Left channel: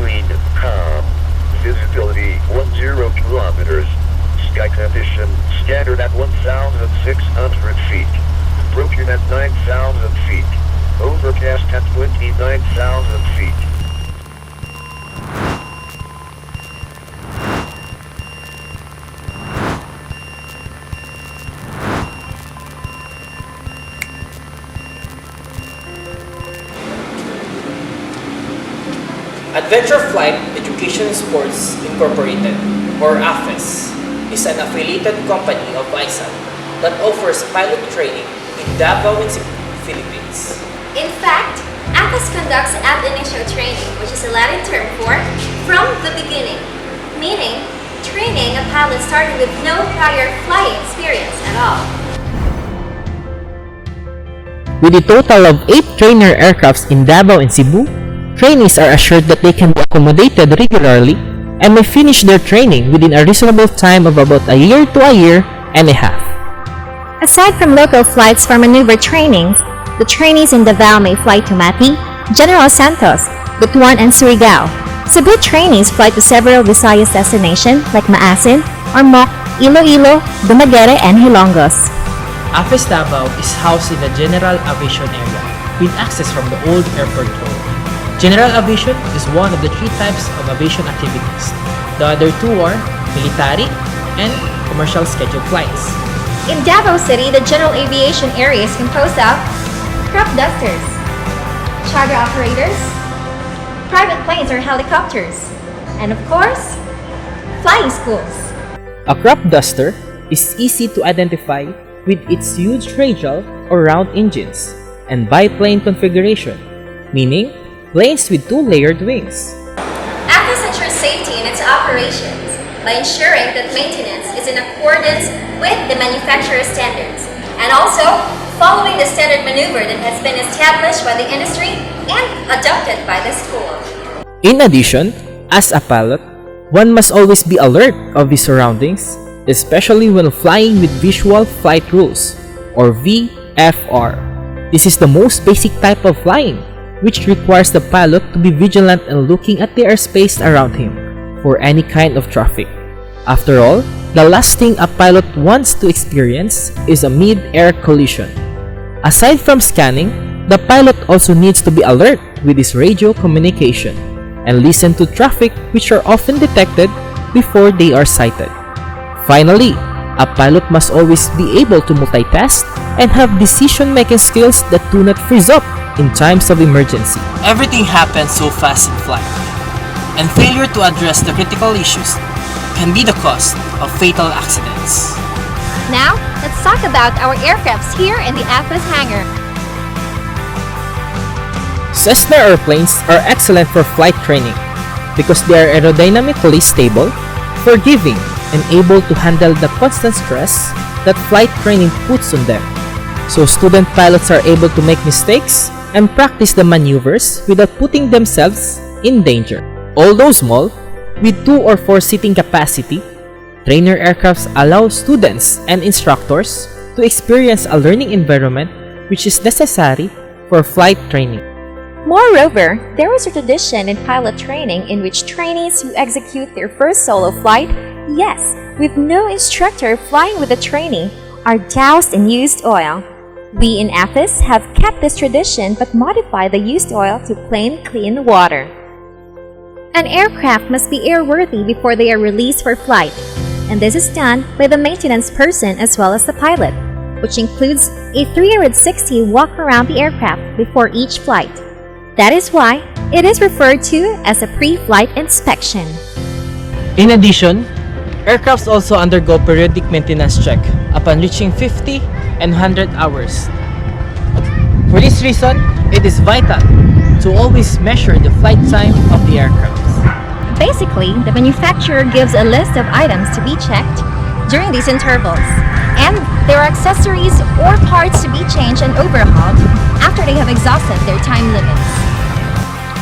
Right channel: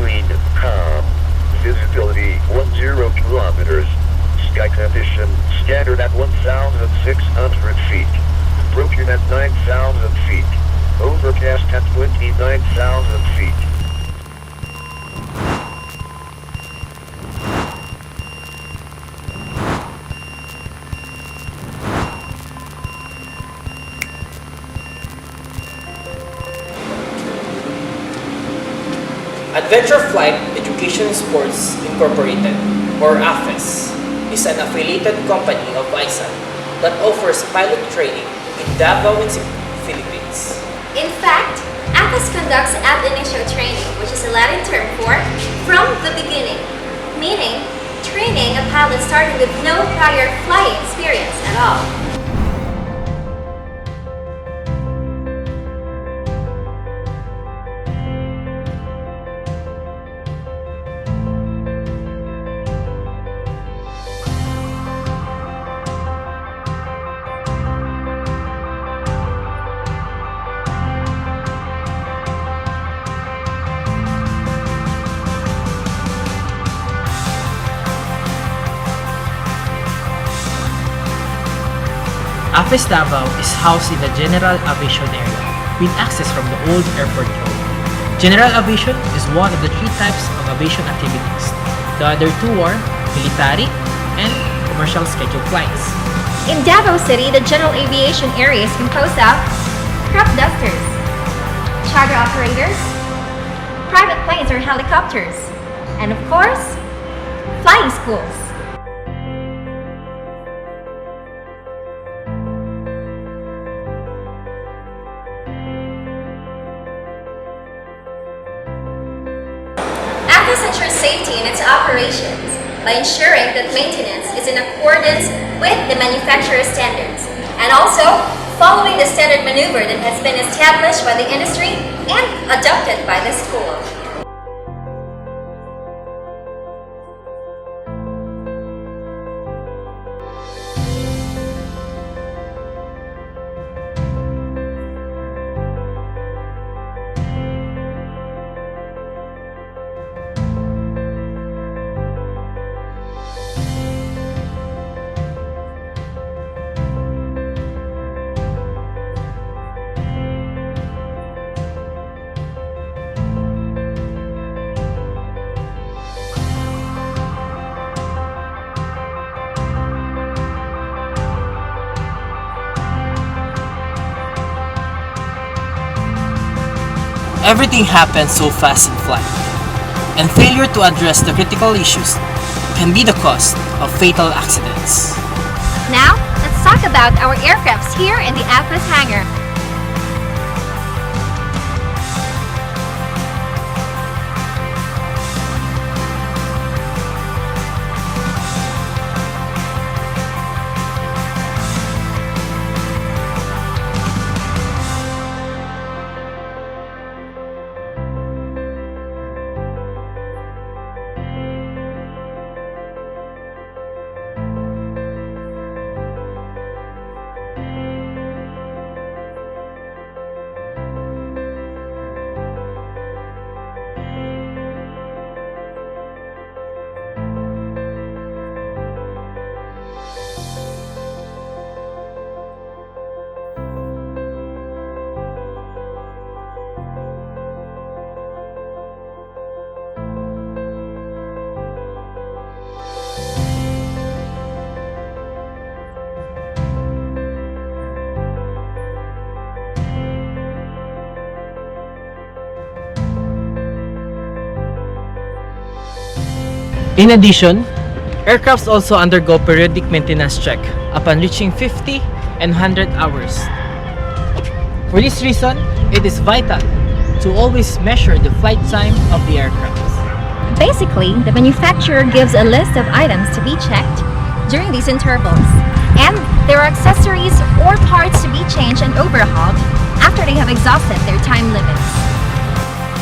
wind calm. Visibility 10 kilometers. Sky condition standard at 1,600 feet. Broken at 9,000 feet. Overcast at 29,000 feet. Adventure Flight Education Sports Incorporated, or Afes, is an affiliated company of AISAT that offers pilot training in Davao and Cebu, Philippines. In fact, Afes conducts ab initio training, which is a Latin term for from the beginning, meaning training a pilot starting with no prior flying experience at all. With a total of 8 trainer aircrafts in Davao and Cebu, trainees are assured that they can be accommodated regularly and may finish their training within a reasonable time of about a year to a year and a half. Aside from local flights for maneuver trainings, the trainees in Davao may fly to Mati, General Santos, Butuan, and Surigao. Cebu trainees fly to several Visayas destinations like Maasin, Ormoc, Iloilo, Dumaguete, and Hilongos. Afes Davao is housed in the General Aviation area with access from the old airport road. General aviation is one of the 3 types of aviation activities. The other 2 are military and commercial scheduled flights. In Davao City, the general aviation area is composed of crop dusters, charter operators, private planes or helicopters, and of course, flying schools. A crop duster is easy to identify with its huge radial or round engines and biplane configuration, meaning planes with 2 layered wings. Afes ensures safety in its operations by ensuring that maintenance is in accordance with the manufacturer's standards and also following the standard maneuver that has been established by the industry and adopted by the school. In addition, as a pilot, one must always be alert of his surroundings, especially when flying with Visual Flight Rules, or VFR. This is the most basic type of flying, which requires the pilot to be vigilant and looking at the airspace around him for any kind of traffic. After all, the last thing a pilot wants to experience is a mid-air collision. Aside from scanning, the pilot also needs to be alert with his radio communication and listen to traffic which are often detected before they are sighted. Finally, a pilot must always be able to multitask and have decision-making skills that do not freeze up in times of emergency. Everything happens so fast in flight, and failure to address the critical issues can be the cause of fatal accidents. Now, let's talk about our aircrafts here in the Afes Hangar. Cessna airplanes are excellent for flight training because they are aerodynamically stable, forgiving, and able to handle the constant stress that flight training puts on them. So student pilots are able to make mistakes and practice the maneuvers without putting themselves in danger. Although small, with 2 or 4 seating capacity, trainer aircrafts allow students and instructors to experience a learning environment which is necessary for flight training. Moreover, there is a tradition in pilot training in which trainees who execute their first solo flight, yes, with no instructor flying with a trainee, are doused in used oil. We in Afes have kept this tradition but modified the used oil to plain clean water. An aircraft must be airworthy before they are released for flight, and this is done by the maintenance person as well as the pilot, which includes a 360 walk around the aircraft before each flight. That is why it is referred to as a pre-flight inspection. In addition, aircrafts also undergo periodic maintenance check upon reaching 50 and 100 hours. For this reason, it is vital to always measure the flight time of the aircraft. Basically, the manufacturer gives a list of items to be checked during these intervals, and there are accessories or parts to be changed and overhauled after they have exhausted their time limits.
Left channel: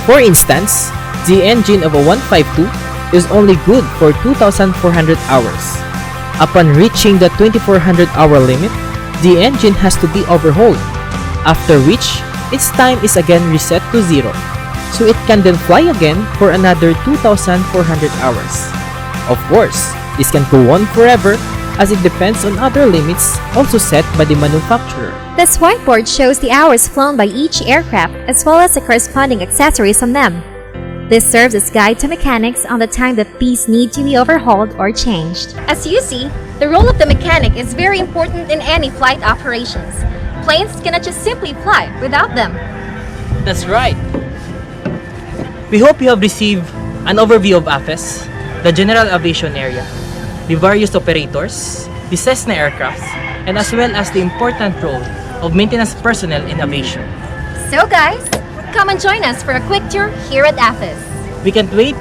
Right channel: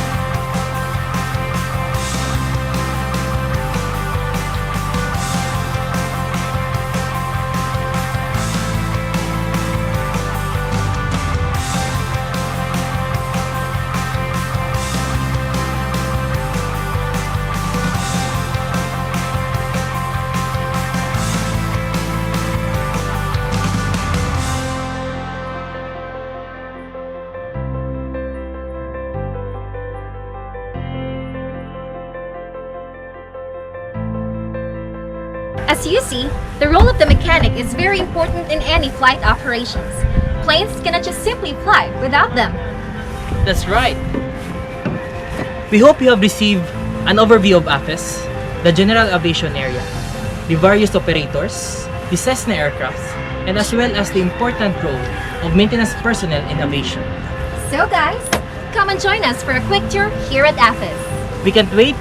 For instance, the engine of a 152 is only good for 2,400 hours. Upon reaching the 2,400 hour limit, the engine has to be overhauled, after which its time is again reset to 0. so it can then fly again for another 2,400 hours. Of course, this can go on forever as it depends on other limits also set by the manufacturer. This whiteboard shows the hours flown by each aircraft as well as the corresponding accessories on them. This serves as guide to mechanics on the time that these need to be overhauled or changed. As you see, the role of the mechanic is very important in any flight operations. Planes cannot just simply fly without them. That's right. We hope you have received an overview of Afes, the general aviation area, the various operators, the Cessna aircraft, and as well as the important role of maintenance personnel in aviation. So guys, come and join us for a quick tour here at Afes. We can't wait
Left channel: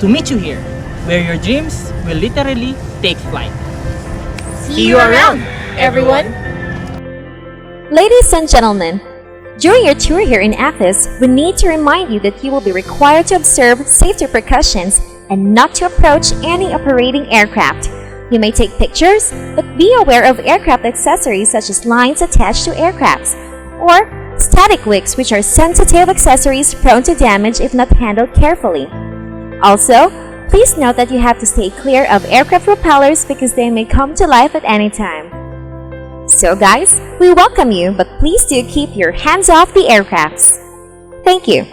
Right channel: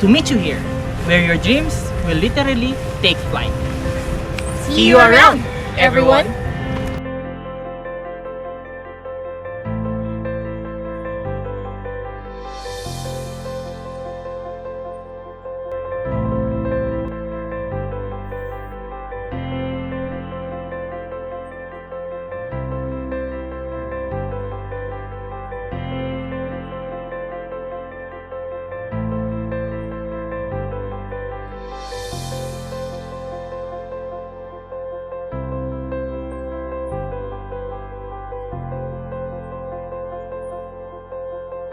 to meet you here, where your dreams will literally take flight. See you around, everyone! Ladies and gentlemen, during your tour here in Afes, we need to remind you that you will be required to observe safety precautions and not to approach any operating aircraft. You may take pictures, but be aware of aircraft accessories such as lines attached to aircrafts, or static wicks, which are sensitive accessories prone to damage if not handled carefully. Also, please note that you have to stay clear of aircraft propellers because they may come to life at any time. So guys, we welcome you, but please do keep your hands off the aircrafts. Thank you.